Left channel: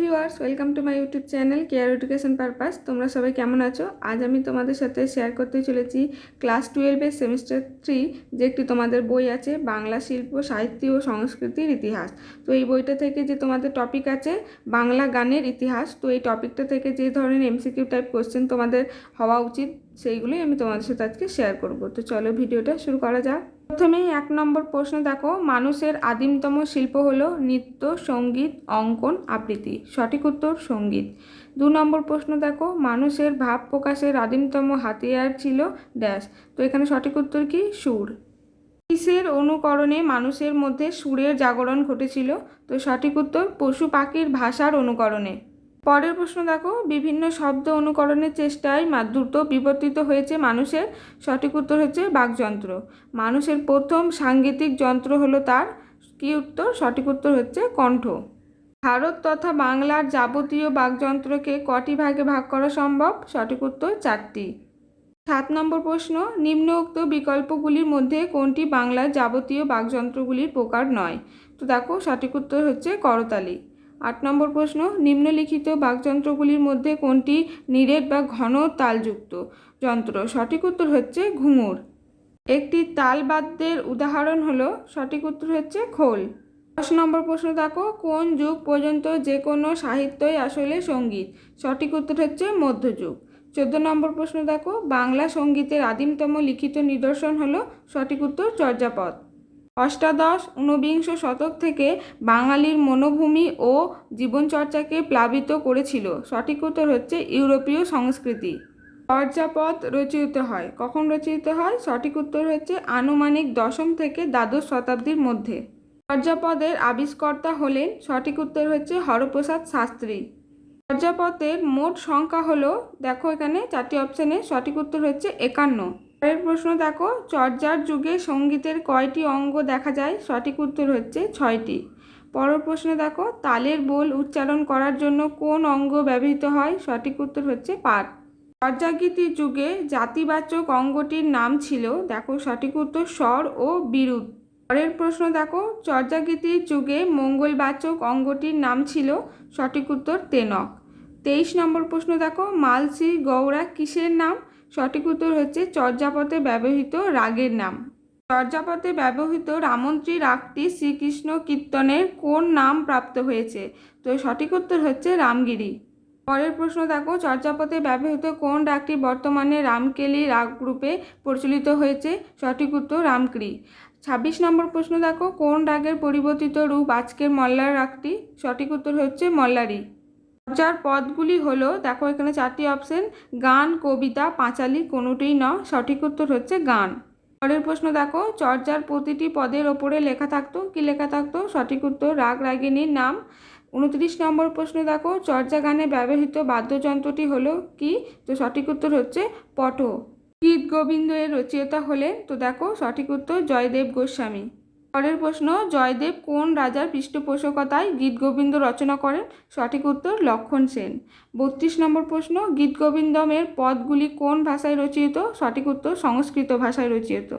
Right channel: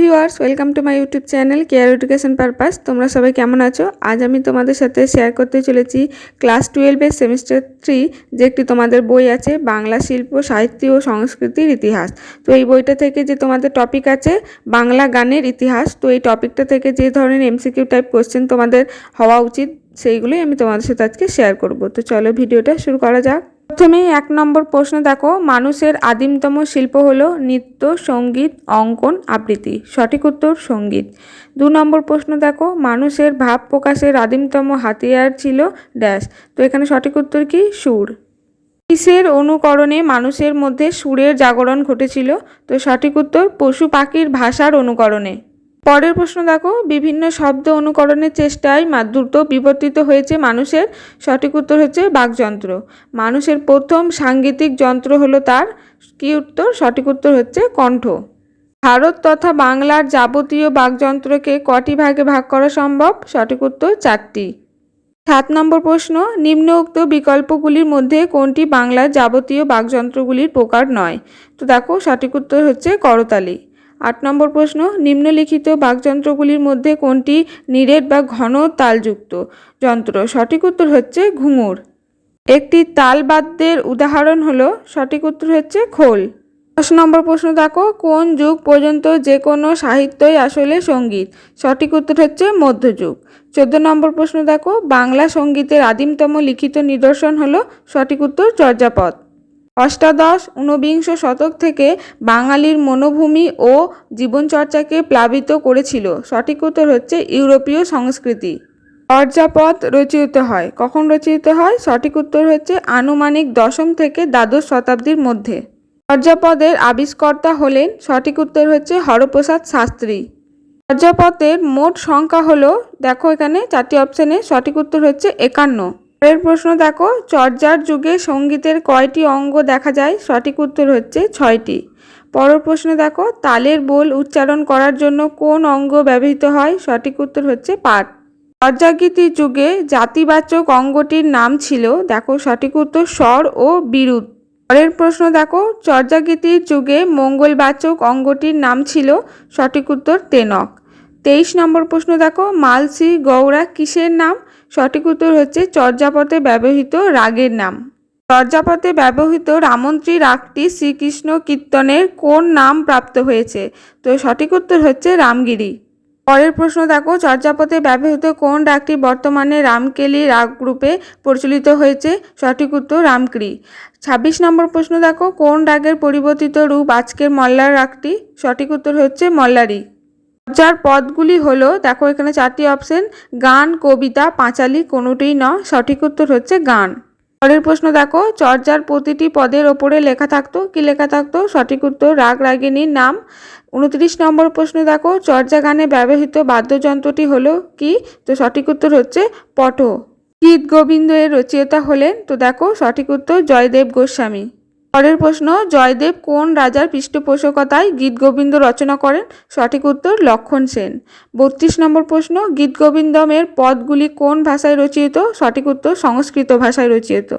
Viewers welcome to my YouTube channel care education purpose তোমরা সবাই কেমন আছো? আজ আমি তোমাদের সাথে শেয়ার করতে চলেছি ক্লাস টুয়েলভের সেমিস্টার থ্রি যে একটি তোমাদের বই আছে, বাংলা শিল্প, সাহিত্য ও সংস্কৃতির ইতিহাস। তো এই বইটা থেকে যে তোমাদের টপিক আছে, বাংলা গানের ইতিহাস, তো এই টপিকটা থেকে যে ধরনের এমসিকিউ টাইপ কোশ্চেন তোমাদের হওয়া উচিত, সেইগুলোই আমি তোমাদের সাথে আজকে শেয়ার করব। তো চলো ভিডিওটা শুরু করা যাক। প্রথমেই এক নম্বর প্রশ্ন দেখো, মানুষের আদিমতম শিল্প হলো নৃত্য, সংগীত, অঙ্কন, আবৃত্তি। সঠিক উত্তর, সংগীত। দু নম্বর প্রশ্ন দেখো, মানুষের ভাব প্রকাশের আদিমতম হাতিয়ার ছিল ড্যাশ। তো এখানে সঠিক উত্তর কি? সুর। কিসের অনুকরণে মানুষের মধ্যে সুরের জাগরণ ঘটেছিল? তো সঠিক উত্তর, পশু পাখির ভাষার অনুকরণে। পরের প্রশ্ন দেখো, বিভিন্ন শব্দ অনুকরণের চেষ্টায় মা- দ্রুত বিবর্তিত হয়েছে মানুষের, সঠিক উত্তর হচ্ছে বাকযন্ত্র। মানুষের প্রথম সাংগীতিক যন্ত্র হলো তার, কি উত্তর? সঠিক উত্তর হচ্ছে কণ্ঠ। ভারত তথা বাংলার যাবতীয় বাকযন্ত্রকে কটি ভাগে ভাগ করা সম্ভব? সঠিক উত্তর চারটি। সাত নম্বর প্রশ্ন, নিম্নোক্ত বিকল্পগুলির মধ্যে কোনটি বাংলার যাবতীয় বাকযন্ত্রগুলির প্রকার নয়? তো দেখো, সঠিক উত্তর হচ্ছে করতালি। আট নম্বর প্রশ্ন, নিম্নলিখিত বাকযন্ত্রগুলির মধ্যে কোনটি নিরেট বা ঘন তালযুক্ত? যন্ত্র, সঠিক উত্তর হচ্ছে ঘুঙুর। একটি তালবাদ্যের উদাহরণ হলো, সঠিক উত্তর হচ্ছে খোল। দশ নম্বর প্রশ্ন দেখো, কোন যুগ পর্যন্ত যে কোনো সাহিত্যই আসলে সংগীত? সঠিক উত্তর হচ্ছে মধ্যযুগ। চোদ্দ নম্বর প্রশ্ন দেখো, বাংলা সঙ্গীতের আদিমতম লিখিত নিদর্শন হলো, সঠিক উত্তর চর্যাপদ। অষ্টাদশ ঊনবিংশ শতক থেকে বাঙালির মনোভূমি ও জীবনচর্চাকে প্লাবিত করেছিল। সঠিক উত্তর হচ্ছে ইউরোপীয় সংস্কৃতি। চর্যাপদ রচিত হয়। কখন রচিত হয়? সঠিক উত্তর হচ্ছে আনুমানিক দশম থেকে দ্বাদশ শতাব্দীর মধ্যে। চর্যাপদের আবিষ্কর্তা হলেন, সঠিক উত্তর হচ্ছে হরপ্রসাদ শাস্ত্রী। চর্যাপদের মোট সংখ্যা হলো, দেখো এখানে চারটি অপশানে সঠিক উত্তর হচ্ছে একান্ন। পরের প্রশ্ন দেখো, চর্যার যুগে সঙ্গীতের কয়টি অঙ্গ দেখা যায়? সঠিক উত্তর হচ্ছে ছয়টি। পরের প্রশ্ন দেখো, তালের বোল উচ্চারণ করার জন্য কোন অঙ্গ ব্যবহৃত হয়? সঠিক উত্তর হচ্ছে পাঠ চর্যাগীতির যুগে জাতিবাচক অঙ্গটির নাম ছিল, দেখো সঠিক উত্তর, স্বর ও বিরুদ্ধ পরের প্রশ্ন দেখো, চর্যাগীতির যুগে মঙ্গলবাচক অঙ্গটির নাম ছিল, সঠিক উত্তর তেনক। তেইশ নম্বর প্রশ্ন দেখো, মালসি গৌড়া কিসের নাম? সঠিক উত্তর হচ্ছে চর্যাপদে ব্যবহৃত রাগের নাম। চর্যাপদে ব্যবহৃত রামন্ত্রী রাগটি শ্রীকৃষ্ণ কীর্তনের কোন নাম প্রাপ্ত হয়েছে? তো সঠিক উত্তর হচ্ছে রামগিরি। পরের প্রশ্ন দেখো, চর্যাপদে ব্যবহৃত কোন রাগটি বর্তমানে রামকেলি রাগ রূপে প্রচলিত হয়েছে? সঠিক উত্তর রামক্রি ছাব্বিশ নম্বর প্রশ্ন দেখো, কোন রাগের পরিবর্তিত রূপ আজকের মল্লার রাগটি? সঠিক উত্তর হচ্ছে মল্লারি। যার পদগুলি হলো, দেখো এখানে চারটি অপশন গান, কবিতা, পাঁচালি, কোনোটিই ন, সঠিক উত্তর হচ্ছে গান। পরের প্রশ্ন দেখো চর্যার প্রতিটি পদের ওপরে লেখা থাকতো, কি লেখা থাকতো? সঠিক উত্তর, রাগ রাগিনীর নাম। উনত্রিশ নম্বর প্রশ্ন দেখো চর্যা গানে ব্যবহৃত বাদ্যযন্ত্রটি হলো কি? তো সঠিক উত্তর হচ্ছে পট। গীত গোবিন্দ এর রচয়িতা হলেন, তো দেখো সঠিক উত্তর, জয়দেব গোস্বামী। পরের প্রশ্ন, জয়দেব কোন রাজার পৃষ্ঠপোষকতায় গীত গোবিন্দ রচনা করেন? সঠিক উত্তর, লক্ষণ সেন। বত্রিশ নম্বর প্রশ্ন, গীত গোবিন্দমের পদগুলি কোন ভাষায় রচিত? সঠিক উত্তর, সংস্কৃত ভাষায় রচিত।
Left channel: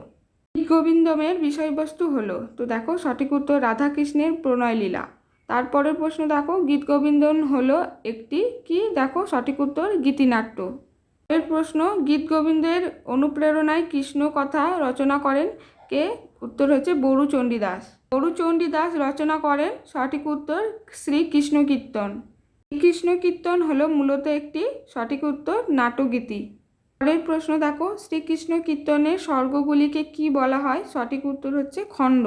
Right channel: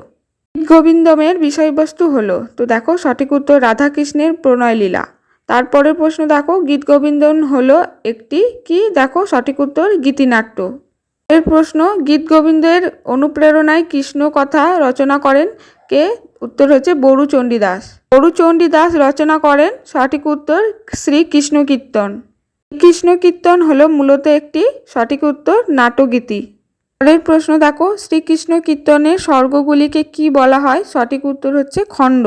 গীত গোবিন্দমের বিষয়বস্তু হলো, তো দেখো, সঠিক উত্তর, রাধাকৃষ্ণের প্রণয় লীলা তারপরের প্রশ্ন দেখো, গীত গোবিন্দন হলো একটি কি? দেখো, সঠিক উত্তর, গীতিনাট্য। এর প্রশ্ন, গীত গোবিন্দের অনুপ্রেরণায় কৃষ্ণ কথা রচনা করেন কে? উত্তর হচ্ছে বরু চণ্ডীদাস। বরু চণ্ডীদাস রচনা করেন সঠিক উত্তর শ্রীকৃষ্ণ কীর্তন কৃষ্ণ কীর্তন হলো মূলত একটি সঠিক উত্তর নাটগীতি পরের প্রশ্ন দেখো শ্রীকৃষ্ণ কীর্তনের স্বর্গগুলিকে কি বলা হয়? সঠিক উত্তর হচ্ছে খণ্ড।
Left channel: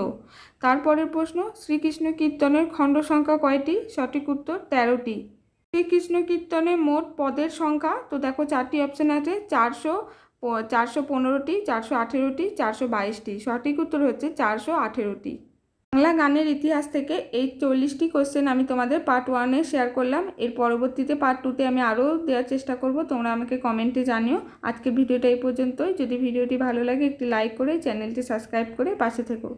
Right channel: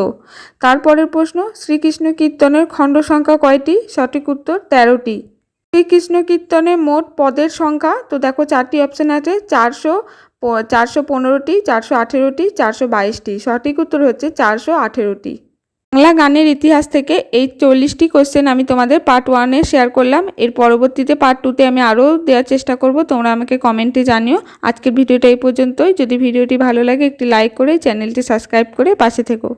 তারপরের প্রশ্ন শ্রীকৃষ্ণ কীর্তনের খণ্ড সংখ্যা কয়টি? সঠিক উত্তর তেরোটি। শ্রীকৃষ্ণ কীর্তনে মোট পদের সংখ্যা, তো দেখো চারটি অপশন আছে, চারশো চারশো পনেরোটি, চারশো আঠেরোটি, চারশো বাইশটি। সঠিক উত্তর হচ্ছে চারশো আঠেরোটি। বাংলা গানের ইতিহাস থেকে এই চল্লিশটি কোশ্চেন আমি তোমাদের পার্ট ওয়ানে শেয়ার করলাম। এর পরবর্তীতে পার্ট টুতে আমি আরও দেওয়ার চেষ্টা করব। তোমরা আমাকে কমেন্টে জানিও। আজকের ভিডিওটা এই পর্যন্তই। যদি ভিডিওটি ভালো লাগে, একটি লাইক করে চ্যানেলটি সাবস্ক্রাইব করে পাশে থেকো।